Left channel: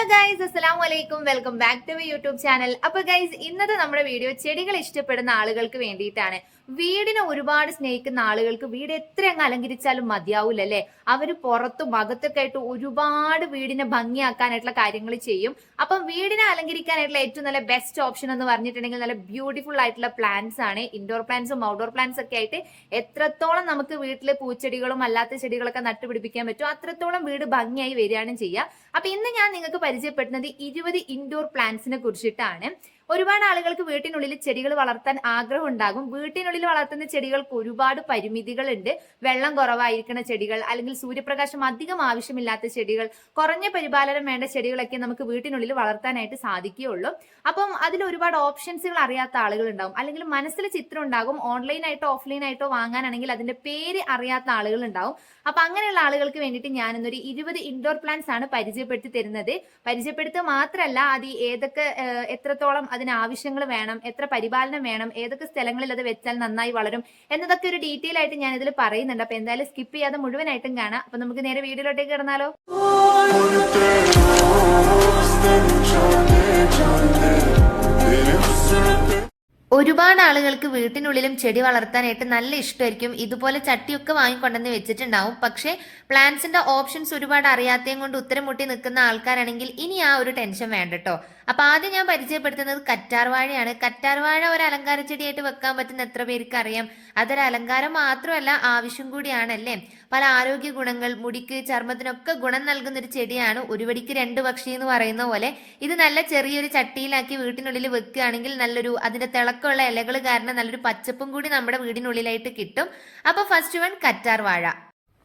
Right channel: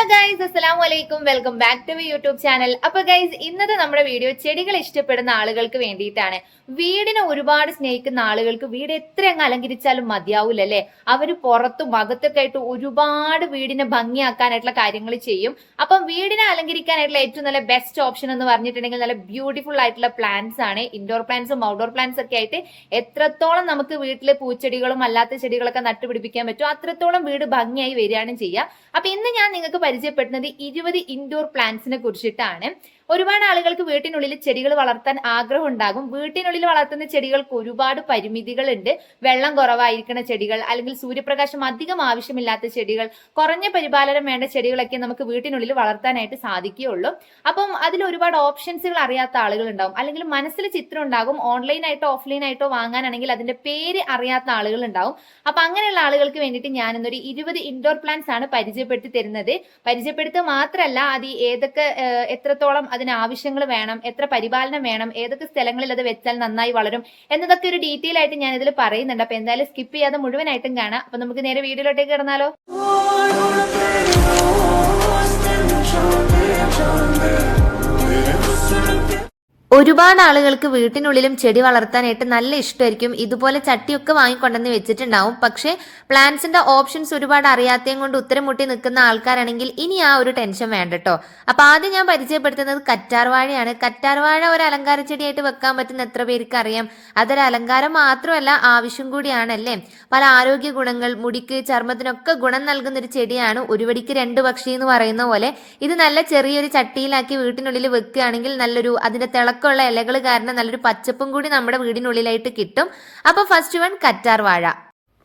Hello guys അസ്സലാം വലൈക്കും welcome back to my YouTube channel അപ്പൊ ഗൈസ് ഇന്നത്തെ നമ്മുടെ വീഡിയോ ചെടികൾ ഇഷ്ടപ്പെടുന്ന ആളുകൾക്ക് വേണ്ടിയിട്ടാണ്. വീടിനെ ഒരുപാട് സ്നേഹിക്കുന്ന ആളുകൾക്ക് വീട് എത്ര അങ്ങ് അലങ്കരിച്ചാലും മതിയാവൂല അല്ലെ അവർ പുറത്തും അകത്തൊക്കെ ആയിട്ട് ഒരുപാട് വീടിനെ ഭംഗിയാക്കാനായിട്ടുള്ള കാര്യങ്ങൾ ചെയ്യും. അപ്പം വീടിനെ അലങ്കരിക്കാനായിട്ടുള്ള ഏറ്റവും നല്ല ബെസ്റ്റ് ഓപ്ഷൻ എന്ന് പറഞ്ഞിട്ടുണ്ടെങ്കിൽ നല്ല ബ്യൂട്ടിഫുൾ ആയിട്ടുള്ള പ്ലാന്റ്സ് ആണ്. ഇൻഡോർ പ്ലാന്റ്സും ഔട്ട്ഡോർ പ്ലാന്റ്സ് ഒക്കെ ആയിട്ട് എത്രത്തോളം നമുക്ക് വീട്ടിലെ പൂച്ചെടികളും അല്ലാത്ത ചെടികളൊക്കെ നട്ടുപിടിപ്പിക്കാൻ പറ്റും അത്രത്തോളം വീട് ഭംഗിയായി വരികയാണ് ചെയ്യുക. അപ്പൊ ഇന്ന് ഞാൻ നിങ്ങൾക്ക് പരിചയപ്പെടുന്നത് ഇരുപത് ഇൻഡോർ പ്ലാന്റ്സിനെ കുറിച്ചിട്ടാണ്. ഒരുപാട് ആളുകൾക്ക് വീട്ടിനുള്ളിൽ ചെടികൾ വളർത്താൻ ആഗ്രഹം ഉണ്ടാകും. വീട്ടിനുള്ളിൽ വളർത്തുന്ന ചെടികൾക്ക് ഒരുപാട് പരിമിതികളുണ്ട്. വെള്ളം കുറവായിരിക്കുന്ന ചെടികൾ അല്ലെങ്കിൽ സൂര്യപ്രകാശം അധികം ആവശ്യമില്ലാത്ത ചെടികൾ കുറഞ്ഞ പരിപാലനം വേണ്ട ചെടികളൊക്കെ നമുക്ക് വീട്ടിനുള്ളിൽ വളർത്താനായിട്ട് സാധിക്കുകയുള്ളൂ. അപ്പം അതിൽ ഒരുപാട് ഓപ്ഷൻസുകൾ അറിയാത്ത ആളുകൾ ഉണ്ടാകും അല്ലെങ്കിൽ മനസ്സിൽ ചിത്രം ഉണ്ടാകും. ഓൺലൈനായിട്ടോ ഓഫ്ലൈനായിട്ടോ വാങ്ങാനാണെങ്കിൽ അതിന്റെ പേര് അറിയാത്ത ആളുകൾ ഉണ്ടാവും. അപ്പൊ അങ്ങനെയുള്ള ആളുകൾക്ക് വേണ്ടിയിട്ട് ഞാൻ ഇന്നൊരു ഇരുപത് ഇൻഡോർ പ്ലാന്റ്സ് ആണ് പരിചയപ്പെടുത്തി തരുന്നത്. പരിചയപ്പെടുത്തുക മാത്രമല്ല അത് ഏതൊക്കെ എത്രത്തോളം അതിന് ആവശ്യങ്ങൾ വേണം എത്ര പരിപാലനം വേണം ഏതൊക്കെ സ്ഥലങ്ങളിൽ അത് വെച്ചാൽ നന്നായി വളരും എന്നതൊക്കെ ഒരു ഡീറ്റെയിൽ ആയിട്ട് ഞാൻ ഇതിൽ പറയുന്നുണ്ട്. അപ്പൊ എന്തായാലും സ്കിപ്പ് ചെയ്യാതെ മുഴുവനായിട്ടും കാണാം. അപ്പൊ നമുക്ക് നേരെ വീഡിയോയിലോട്ടേക്ക് കിടന്നാലോ? ഒരുപാട് ആളുകൾക്ക് വീട്ടിനുള്ളിലും ചെടി വളർത്താനായിട്ട് നല്ല ഇഷ്ടമായിരിക്കും. ഇതുപോലെ ചട്ടിയൊക്കെ വാങ്ങിക്കൊണ്ടെന്ന് വെച്ചിട്ടുണ്ടാവും. പക്ഷേ പ്ലാന്റ്സിന്റെ ഓപ്ഷൻസ് ഒരുപാട് അറിയാത്തതും കൊണ്ട് ഉത്തരം മുട്ടി നിൽക്കുന്ന ആൾക്കാരാണെങ്കിൽ ഇനി ആ ഒരു ടെൻഷൻ വേണ്ട കേട്ടോ അപ്പൊ ആദ്യം ഞാൻ പരിചയപ്പെടുത്തുന്നത് കറ്റാർവാഴയാണ്. കറ്റാർവാഴ ഒരു അലങ്കാര ചെടിയായിട്ട് വെക്കാൻ പറ്റുന്ന എത്ര പേർക്ക് അറിയാം? അതൊരു അലങ്കാരം മാത്രമല്ല ആവശ്യം കൂടിയാണല്ലേ പല ആരോഗ്യ ഗുണങ്ങൾ മുടിക്ക് ചർമ്മത്തിനൊക്കെ ഗുണം നൽകുന്ന ഒരു ചെടിയാണ്. ഒരു വടിക്ക് രണ്ട് പക്ഷി എന്ന് പറയുന്ന പോലെ ഇത് നല്ല ചെറിയൊരു ചട്ടിയിലാക്കി വീട്ടിനുള്ളിൽ വെക്കുകയാണെങ്കിൽ നല്ലൊരു അതിന്റെ തിളക്കമുള്ള ഇലകൾ കാരണം നല്ലൊരു പച്ചപ്പും കൂടി നമ്മുടെ വീടിനുള്ളിലായിട്ട് കിട്ടും. അപ്പൊ ഫസ്റ്റ് വൺ കറ്റാർ വാഴ.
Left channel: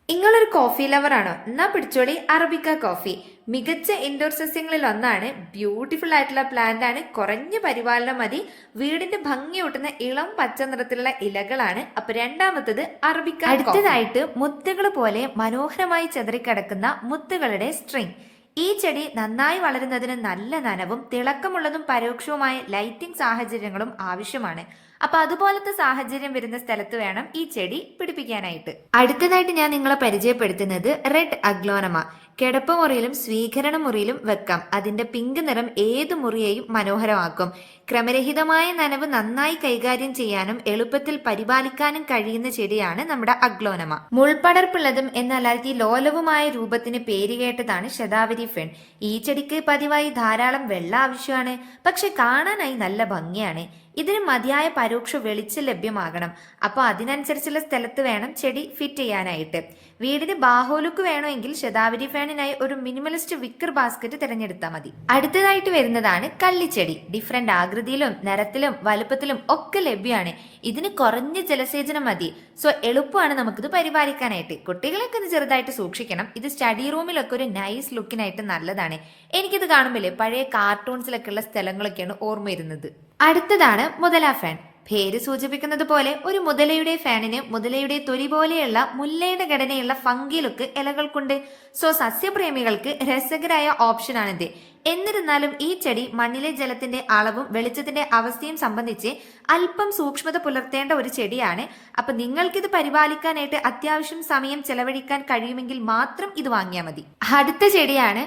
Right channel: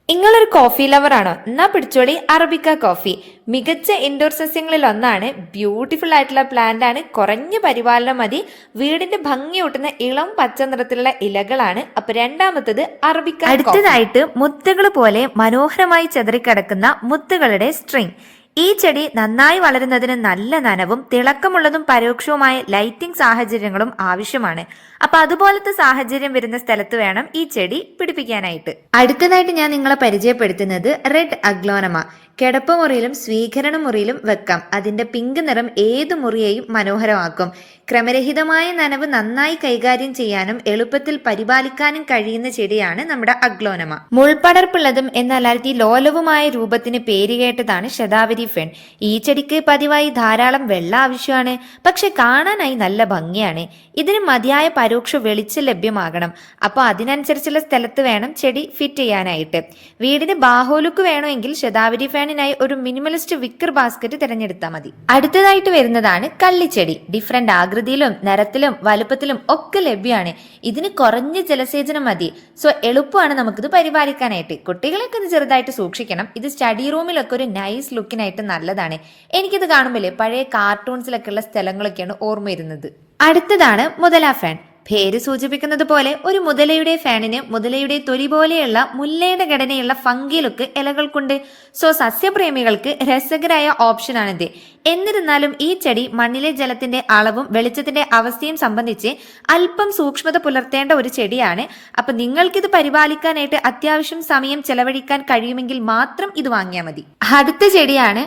നിങ്ങളൊരു കോഫി ലവർ ആണോ? എന്നാ പിടിച്ചോളി അറബിക്ക കോഫി മികച്ച ഇൻഡോർ സസ്യങ്ങളിൽ ഒന്നാണ്. ബ്യൂട്ടിഫുൾ ആയിട്ടുള്ള പ്ലാന്റ് ആണ്. കുറഞ്ഞ പരിപാലനം മതി. വീടിന്റെ ഭംഗി ഊട്ടുന്ന ഇളം പച്ച നിറത്തിലുള്ള ഇലകളാണ്. അപ്പൊ രണ്ടാമത്തത് അറബിക്ക അടുത്തതായിട്ട് മുത്തുകൾ പോലെ മനോഹരമായി ചെതറിക്കിടക്കുന്ന മുത്തുകളുടെ സ്ട്രിങ് ഈ ചെടി നന്നായി വളരുന്നതിന് നല്ല നനവും തിളക്കമുള്ളതും പരോക്ഷവുമായ ലൈറ്റിംഗ് സാഹചര്യങ്ങളും ആവശ്യമാണ്. അപ്പൊ അതുപോലത്തെ സാഹചര്യം വരുന്ന സ്ഥലത്ത് വേണം ഈ ചെടി പിടിപ്പിക്കാനായിട്ട്. അടുത്തതായിട്ട് ഞാൻ നിങ്ങളെ പരിചയപ്പെടുത്തുന്നത് റെഡ് അഗ്ലോനമ കിടപ്പ് മുറിയിലും സ്വീകരണ മുറിയിലും വെക്കാം. അതിന്റെ പിങ്ക് നിറം ഏത് മുറിയെയും മനോഹരമാക്കും. ക്രമരഹിതമായ നനവ് നന്നായി കൈകാര്യം ചെയ്യാനും എളുപ്പത്തിൽ പരിപാലിക്കാനും കഴിയുന്ന ചെടിയാണ് നമ്മുടെ അഗ്ലോനമ. മുൾപടർപ്പുള്ളതും എന്നാൽ അതി ലോലവുമായ രൂപത്തിന് പേരുകേട്ടതാണ് ശതാവരി ഫെൺ. ഈ ചെടിക്ക് പതിവായി ധാരാളം വെള്ളം ആവശ്യമാണ്. പക്ഷെ കാണാനായി നല്ല ഭംഗിയാണ്. ഇതിന് മതിയായ പരോക്ഷ വെളിച്ചം ലഭ്യമാകണം. അപ്പോൾ അതിനനുസരിച്ചുള്ള സ്ഥലത്ത് വേണം ചെടി ഫിറ്റ് ചെയ്യാനായിട്ട്. വീടിന് ബാഹോലുക്ക് വേണമെങ്കിൽ ശതാവരി ഫാനിനായി ഒരു മിനിമലിസ്റ്റ് വിക്കർ ബാസ്ക്കറ്റ് തിരഞ്ഞെടുത്താൽ മതി. അടുത്തതായിട്ട് വരുന്നതാണ് കള്ളിച്ചെടി. ഡിഫറെന്റ് ആകൃതിയിലും നിറത്തിലും വലുപ്പത്തിലും ഒക്കെ ലഭ്യമാണ് ഇതിന് കുറഞ്ഞ ജലസേചനം മതി. സോ എളുപ്പമാണ് നമുക്കിത് പരിപാലിക്കാനായിട്ട്. കുട്ടികളൊക്കെ ഒന്ന് ചെറുതായിട്ട് സൂക്ഷിക്കണം. ഇത് സ്റ്റഡി റൂമിലൊക്കെ ഒരു നൈസ് ലുക്കിനായിട്ട് നല്ലതാണ്. എനിക്കിത് കാണുമ്പോലെ പഴയ കാർട്ടൂൺസിലൊക്കെ ഉള്ള സ്ഥലങ്ങളൊക്കെയാണ് ഓർമ്മ വരുന്നത്. അടുത്തതാണ് മുതല ഫാൻ പേര് സൂചിപ്പിക്കുന്നത് പോലെ ഒരു മുതലയുടെ ഫാനിന് മുതലയുടെ തൊലി പോലെയുള്ള മുല്ലയുടെ ഘടനയുള്ള ഫംഗി ലുക്ക് ഇലകൾക്കുണ്ട്. സോ സസ്യപ്രേമികൾക്ക് രസകരായ ഓപ്ഷനാണിത്. എന്നിരുന്നാലും ഈ ചെടി മണ്ണിലെ ജലത്തിന്റെ അളവും വെളിച്ചത്തിന്റെ അവസ്ഥയും സംബന്ധിച്ച് അല്പം സൂക്ഷ്മത പുലർത്തേണ്ട ഒരു ചെടിയാണ്. അപ്പൊ നിങ്ങൾക്കിത് പരിപാലിക്കാനായിട്ട് അത്യാവശ്യം സമയം ചെലവഴിക്കാൻ കഴിയുമെങ്കിൽ മാത്രം ഇത് വാങ്ങിയാൽ മതി. അടുത്ത ചെടിയാണ്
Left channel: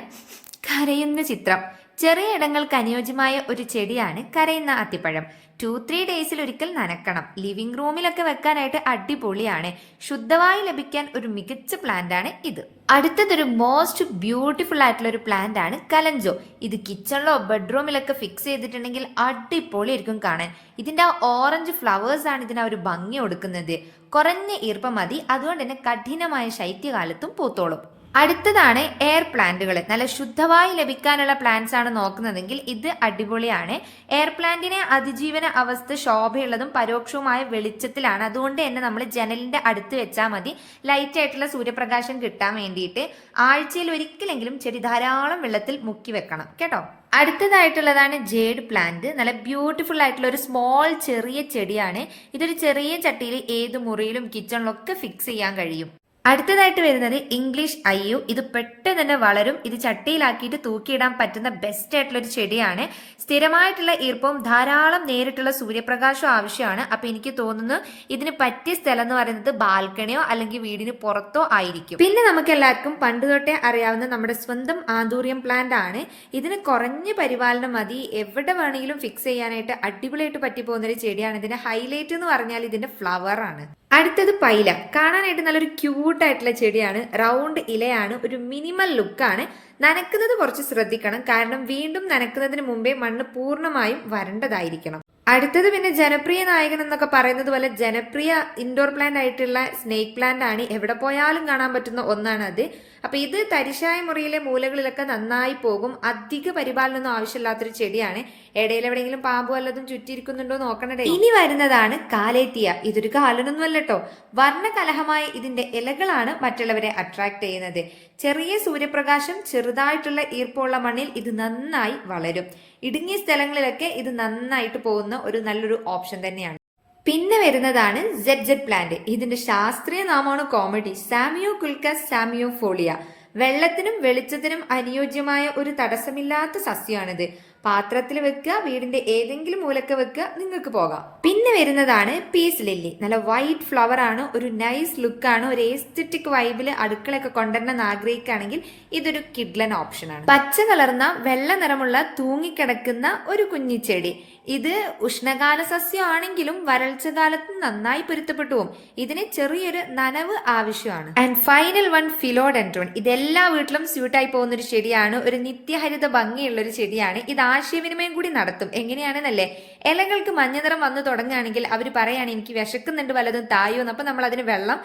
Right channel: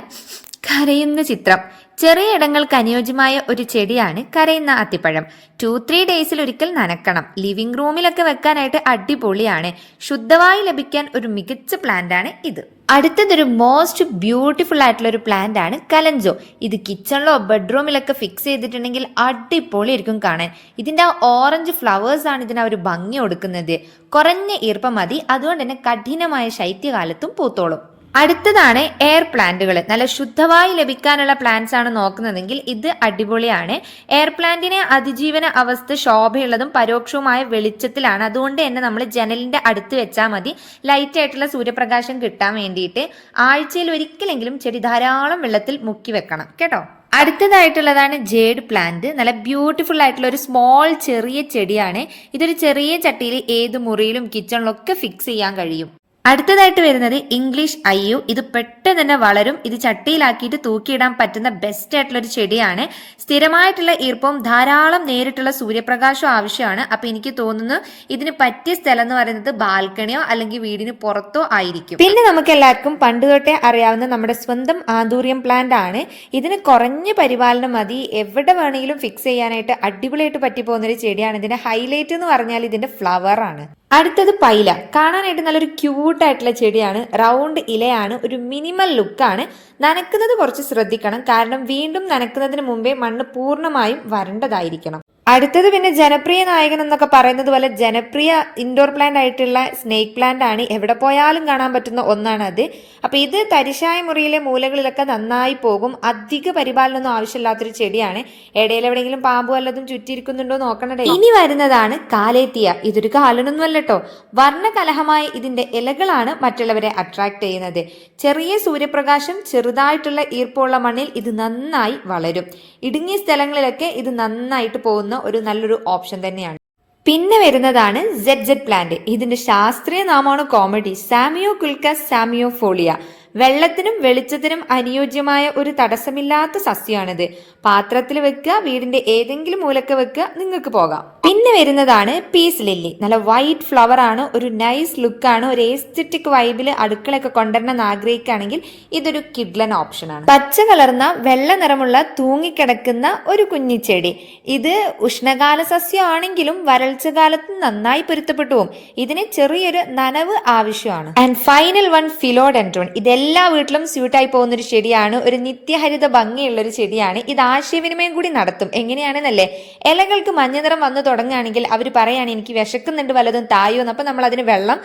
കരയുന്ന ചിത്രം. ചെറിയ ഇടങ്ങൾക്ക് അനുയോജ്യമായ ഒരു ചെടിയാണ് കരയുന്ന അത്തിപ്പഴം. ടു ത്രീ ഡേയ്സിൽ ഒരിക്കൽ നനക്കണം. ലിവിംഗ് റൂമിലൊക്കെ വെക്കാനായിട്ട് അടിപൊളിയാണ്. ശുദ്ധമായി ലഭിക്കാൻ ഒരു മികച്ച പ്ലാന്റ് ആണ് ഇത്. അടുത്തതൊരു മോസ്റ്റ് ബ്യൂട്ടിഫുൾ ആയിട്ടുള്ള ഒരു പ്ലാന്റ് ആണ് കലഞ്ചോ. ഇത് കിച്ചണിലോ ബെഡ്റൂമിലൊക്കെ ഫിക്സ് ചെയ്തിട്ടുണ്ടെങ്കിൽ അടിപൊളി അടിപൊളിയായിരിക്കും കാണാൻ. ഇതിന്റെ ആ ഓറഞ്ച് ഫ്ലവേഴ്സ് ആണ് ഇതിന് ഒരു ഭംഗി കൊടുക്കുന്നത്. കുറഞ്ഞ ഈർപ്പം മതി. അതുകൊണ്ട് തന്നെ കഠിനമായ ശൈത്യകാലത്തും പൂത്തോളും. അടുത്തതാണ് എയർ പ്ലാന്റുകൾ നല്ല ശുദ്ധമായി ലഭിക്കാനുള്ള പ്ലാന്റ്സ് ആണ് നോക്കുന്നതെങ്കിൽ ഇത് അടിപൊളിയാണ്. എയർ പ്ലാന്റിനെ അതിജീവന അവസ്ഥ ശോഭയുള്ളതും പരോക്ഷവുമായ വെളിച്ചത്തിലാണ്. അതുകൊണ്ട് തന്നെ നമ്മൾ ജനലിന്റെ അടുത്ത് വെച്ചാൽ മതി. ലൈറ്റ് ആയിട്ടുള്ള സൂര്യപ്രകാശം കിട്ടാൻ വേണ്ടിയിട്ട് ആഴ്ചയിൽ ഒരിക്കലെങ്കിലും ചെടി ധാരാളം വെള്ളത്തിൽ മുക്കി വെക്കണം. കേട്ടോ? അടുത്തതായിട്ടുള്ളതാണ് ജേഡ് പ്ലാന്റ് നല്ല ബ്യൂട്ടിഫുൾ ആയിട്ടുള്ള ഒരു സ്മോൾ ചെറിയ ചെടിയാണ്. ഇതൊരു ചെറിയ ചട്ടിയിൽ ഏത് മുറിയിലും കിച്ചണിലൊക്കെ ഫിക്സ് ചെയ്യാൻ കഴിയും. അടുത്തതായിട്ട് വരുന്നത് ഇംഗ്ലീഷ് അയ്യു ഇത് പെട്ടെന്ന് തന്നെ വളരും. ഇത് ചട്ടിയിലാക്കിയിട്ട് തൂക്കിയിടാൻ പറ്റുന്ന ബെസ്റ്റ് ആയിട്ടുള്ള ഒരു ചെടിയാണ്. സ്ഥിരമായിട്ടുള്ള ഈർപ്പം ധാരാളം നേരിട്ടുള്ള സൂര്യപ്രകാശം ആവശ്യമാണ്. അപ്പൊ എനിക്ക് തോന്നുന്നു ഇതിന് പറ്റിയ സ്ഥലം എന്ന് പറയുന്നത് ബാൽക്കണിയോ അല്ലെങ്കിൽ വീടിന് പുറത്തോ ആയിരിക്കും. പിന്നെ നമുക്ക് എല്ലാവർക്കും പണ്ട് തൊട്ടേ അറിയാവുന്ന നമ്മുടെ സ്വന്തം ആന്തൂര്യം പ്ലാന്റ് ആണ്. ഇതിന് കുറഞ്ഞ പരിപാലനം മതി. എവിടെ വേണമെങ്കിലും ഫിക്സ് ചെയ്യാനായിട്ട് അടിപൊളിയായിട്ട് പറ്റി പോകുന്ന ഒരു ചെടിയാണ്. ഇതിന്റെ ഹൈലൈറ്റ് എന്ന് പറഞ്ഞാൽ ഇതിന്റെ ഫ്ലവർ ആണ്. അടുത്തത് പൈല. കാണാനായിട്ട് നല്ലൊരു ക്യൂട്ട് ആയിട്ടുള്ള ചെടിയാണ്. റൗണ്ട് ഇലയാണ്. ഒരു മിനിമൽ ലുക്കാണ് നനക്കുന്നത് കുറച്ച് ശ്രദ്ധിക്കണം. കാരണം വീണ്ടും നനക്കുന്നതിന് മുമ്പേ മണ്ണ് പൂർണമായും വരണ്ടതായിരിക്കണം. അടുത്തത് പിന്നെ ജനപ്രിയ നായകൻ എന്നൊക്കെ പറയുന്നത് പോലെ ജനപ്രിയ ഇൻഡോർ പ്ലാന്റ് ആയിട്ടുള്ള സ്നേക്ക് പ്ലാന്റ് ആണ്. എവിടെ പോയാലും കാണാൻ പറ്റുന്ന ഒന്നാണ് അത്. അപ്പൊ ഇത് തരിശായ മുറിയിലെ മൂലകളിലൊക്കെ നന്നായി പോകും. അധിക പരിപാലനമൊന്നും ആവശ്യമില്ലാത്തൊരു ചെടിയാണ്. ഇടയിൽ എവിടെയെങ്കിലും പാമ്പ് വല്ലതും ചുറ്റിയിരിക്കുന്നുണ്ടോ നോക്കണടേ ഇനി വരുന്നതാണ് കാലേത്തിയ. ഇതൊരു കാലനൊന്നും അല്ലട്ടോ വർണകലഹമായ ഇതിന്റെ ഇലകളാണ് മറ്റുള്ളവരെ അട്രാക്ട് ചെയ്യുന്നത്. ചെറിയ സൂര്യപ്രകാശം ചെറുതായിട്ടുള്ള ഈർപ്പമുള്ള മണ്ണിൽ ഇത് നന്നായി വളരും. ഇടുങ്ങിയ സ്ഥലങ്ങളിലൊക്കെ ഇത് നന്നായിട്ട് പോകുന്ന ഒരു നല്ലൊരു ഓപ്ഷൻ തന്നെയാണ്. പിന്നെ വരുന്നതാണ് ജെഡ് ജെഡ് പ്ലാന്റ് ഇതിന്റെ ശാസ്ത്രീയ നാമമാണ് കോമഡി. സാമിയോ കുൽക്കസ് സാമിയോ ഫോളിയ. വെള്ളത്തിനും വെളിച്ചത്തിനും അനുയോജ്യമായ ഒരു തടസ്സമില്ലാത്ത സസ്യമാണിത്. പാത്രത്തിൽ വെക്കുക വീടിന്റെ ഏതെങ്കിലും മൂലക്ക് വെക്കുക നിങ്ങൾക്ക് പോകാം. പിന്നെ വരുന്നതാണ് പീസ് ലില്ലി നല്ല വൈറ്റ് ഫ്ലവർ ആണ് ഒരു നൈസ് ലുക്കാണ് ഒരു ഏസ്തറ്റിക് വൈബിൽ അടുക്കളയൊക്കെ കൊണ്ടുവരണം എന്ന് ആഗ്രഹിക്കുകയാണെങ്കിൽ ഇതൊരു കിഡ്ലൻ ഓപ്ഷനാണ് പച്ച കലർന്ന വെള്ള നിറമുള്ള തൂങ്ങിക്കിടക്കുന്ന ഒരു കുഞ്ഞിച്ചെടി ഇത് ഉഷ്ണകാല സസ്യമാണെങ്കിലും വരൾച്ച കാലത്ത് നന്നായി പൊരുത്തപ്പെട്ടു പോകും ഇതിന് ചെറിയൊരു നനവ് ആവശ്യമാണ്. ആൻഡ് ഫൈനൽ വൺ ഫിലോഡെൻട്രോൺ ഇതെല്ലാ വീട്ടിലും സ്യൂട്ടായി പോകുന്ന ഒരു ചെടിയാണ് ഒരു നിത്യഹരിത ഭംഗിയുള്ള ഒരു ചെടിയാണ്. ഇത് ആശയവിനിമയം കൂടി നടത്തും. എങ്ങനെയാണെന്നല്ലേ? ഇലകൾക്ക് മഞ്ഞ നിറം വന്നു തുടങ്ങുകയാണെങ്കിൽ അവർ പറയാണ് എനിക്ക് വിശക്കുന്നുണ്ട് വല്ലതും തായോ? എന്ന്. അപ്പം നമ്മൾ അതിന് വെള്ളം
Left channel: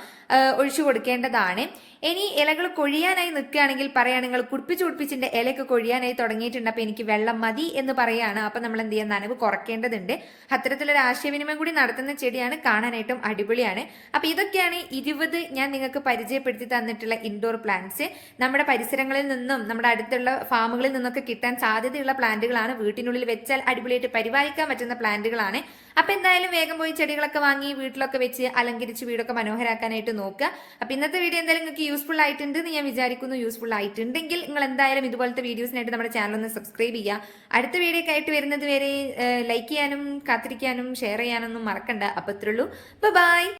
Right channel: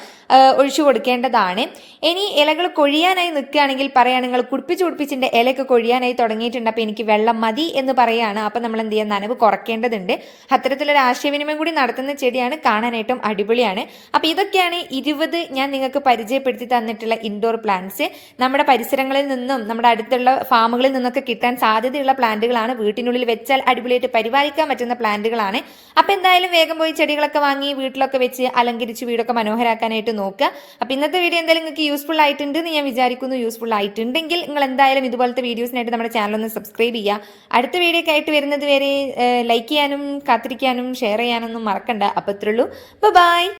ഒഴിച്ചു കൊടുക്കേണ്ടതാണ്. ഇനി ഇലകൾ കൊഴിയാനായി നിൽക്കുകയാണെങ്കിൽ പറയാണ് നിങ്ങൾ കുടിപ്പിച്ച് കുടിപ്പിച്ചിന്റെ ഇലയൊക്കെ കൊഴിയാനായി തുടങ്ങിയിട്ടുണ്ട്. അപ്പോൾ എനിക്ക് വെള്ളം മതി എന്ന് പറയുകയാണ് അപ്പോൾ നമ്മൾ എന്ത് ചെയ്യുക നനവ് കുറയ്ക്കേണ്ടതുണ്ട് അത്തരത്തിലൊരു ആശയവിനിമയം കൂടി നടത്തുന്ന ചെടിയാണ് കാണാനായിട്ടും അടിപൊളിയാണ്. അപ്പോൾ ഇതൊക്കെയാണ് ഇരുപത് ഞാൻ നിങ്ങൾക്ക് പരിചയപ്പെടുത്തി തന്നിട്ടുള്ള ഇൻഡോർ പ്ലാന്റ്സ് നമ്മുടെ പരിസരങ്ങളിൽ നിന്നും നമ്മുടെ അടുത്തുള്ള ഫാമുകളിൽ നിന്നൊക്കെ കിട്ടാൻ സാധ്യതയുള്ള പ്ലാന്റുകളാണ്. വീട്ടിനുള്ളിൽ വെച്ചാൽ അടിപൊളിയായിട്ട് പരിപാലിക്കാൻ പറ്റുന്ന പ്ലാന്റുകളാണ്. അപ്പോൾ എന്തായാലും വേഗം പോയി ചെടികളൊക്കെ വാങ്ങി വീട്ടിലൊക്കെ വെച്ച് അലങ്കരിച്ച് വീടൊക്കെ മനോഹരാക്കാനായിട്ട് നോക്കുക. അപ്പോൾ ഇന്നത്തെ വീഡിയോ എന്തായാലും നിങ്ങൾക്ക് യൂസ്ഫുൾ ആയിട്ടുണ്ട് എന്ന് ഞാൻ വിചാരിക്കുന്നു. യൂസ്ഫുൾ ആയിട്ടുണ്ടെങ്കിൽ നിങ്ങൾ എന്തായാലും ഇതുപോലത്തെ വീഡിയോസിനായിട്ട് നമ്മുടെ ചാനൽ ഒന്ന് സബ്സ്ക്രൈബ് ചെയ്യുക. അടുത്ത വീഡിയോ ആയിട്ട് വരുന്നത് വരെ ലൈക്ക് ചെയ്യാനും കാത്തിരിക്കാനും ഷെയർ ചെയ്യാനൊന്നും മറക്കണ്ട. അപ്പോൾ ഇത്രയുള്ളൂ ബൈ